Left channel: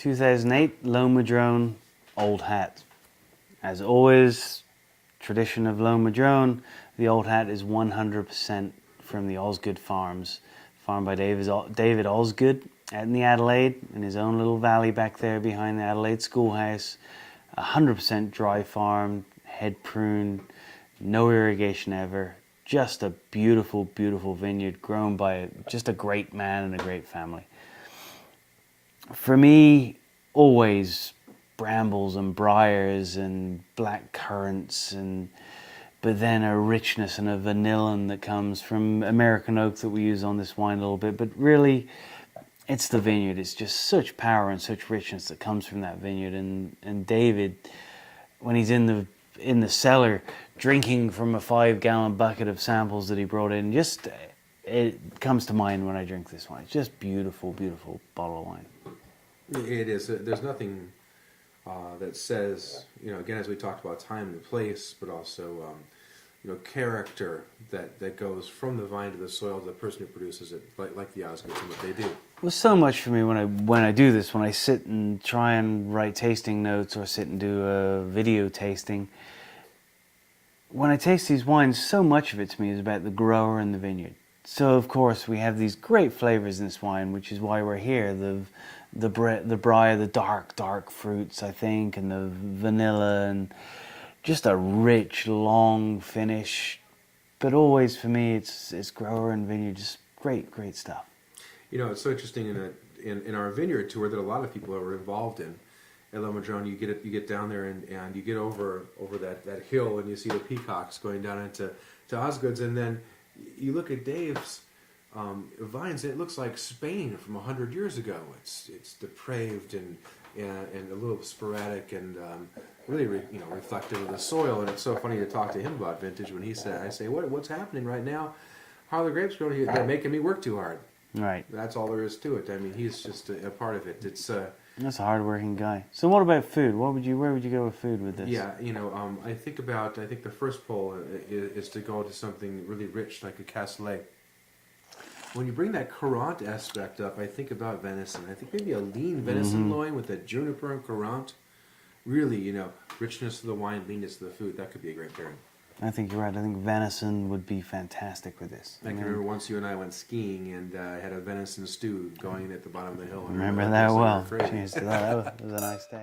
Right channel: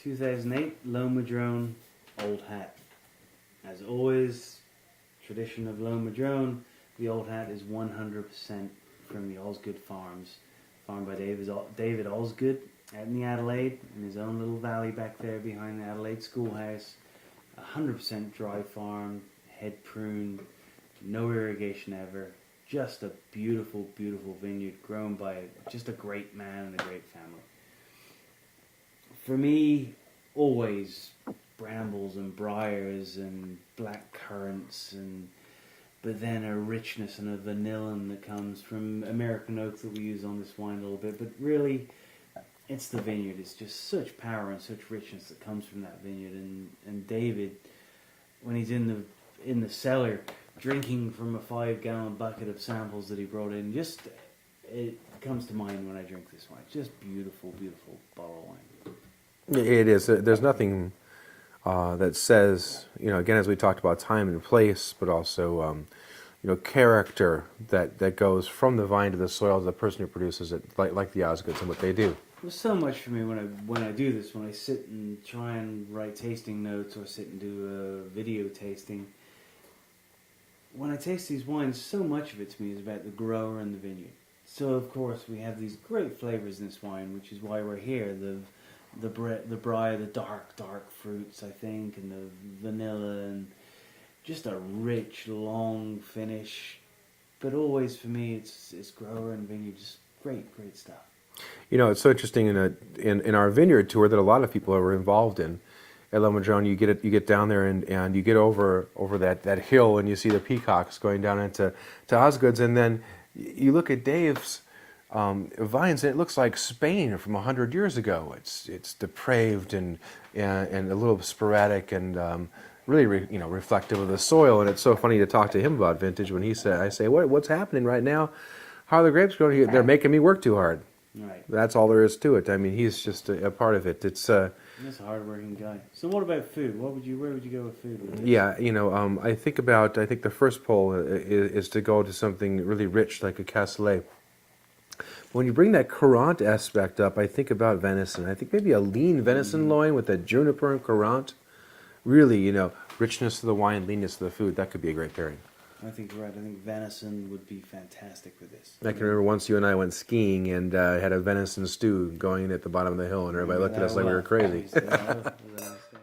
2008 Lone Madrone Old Hat. As always, tradition of Lone Madrone, the Old Hat is 100% from the Osgood Farms, farmed by David Osgood out in the Adelaide, in his own little valley back there behind the Adelaide schoolhouse. 100% dry farm, head pruned, no irrigation ever. Just a beautiful, beautiful vineyard grown by just a great man and a great family. For me, always brambles and briars and black currants, but then a richness and a vanillin that comes from American oak that we use on this wine a little bit. But really, it's the vineyard. It's just such power and such richness that comes from that vineyard. And David, when he's in the cellar drinking from a 5-gallon bucket of samples that he brought in, just it comes to mind when I drink this wine. It's just beautiful, beautiful bottle of wine. It is. There's nothing that says, again, as we talked about, time and place, but also, character that goes from the vine to the soil to the person who produces it, like the Osgoods and what they do. Well, so much for me when I do this, when I sit and try and write tasting notes or sit and do a video tasting. When I taste these wines, so much of it to me is about the grower and the vineyard. So of course we have these great flavors in this wine, which is why we're here. The briar, the dark fruits, I think, and the vanilla, and just a rich, long finish. But always for me, it's grower and vineyard, just great stuff. It's so interesting in our vineyard tour that a lot of people are involved in. At Lone Madrone, you get down there and you get over that hill and you see the peacocks going down into Osgoods, and then you look at Dave's vines and it looks like Spain from 100 years ago. It's depraved and a little sporadic and really reflective of the soil. And it's so funny to talk to him about vintage when I say what's happening right now? How are the grapes going? They're making me work too hard. Right. That's all there is to it. I mean, he's just a part of it. It's that's a hard-working guy. So what about food? Where would you go with food with this? Yeah, I think the first pull is to go to something really rich like a Cassoulet. When you bring that Courant aspect up, I think about venison. I think maybe a lean venison loin with a juniper and Courant. Really, richness of the wine, leanness of the food. That could be a great pairing. I think you're right. I think venison would be fantastic with this. I can remember once you and I went skiing and had a venison stew going at the bottom of the hill, and everybody looked at us like we were crazy. Jeez, that was a nice day.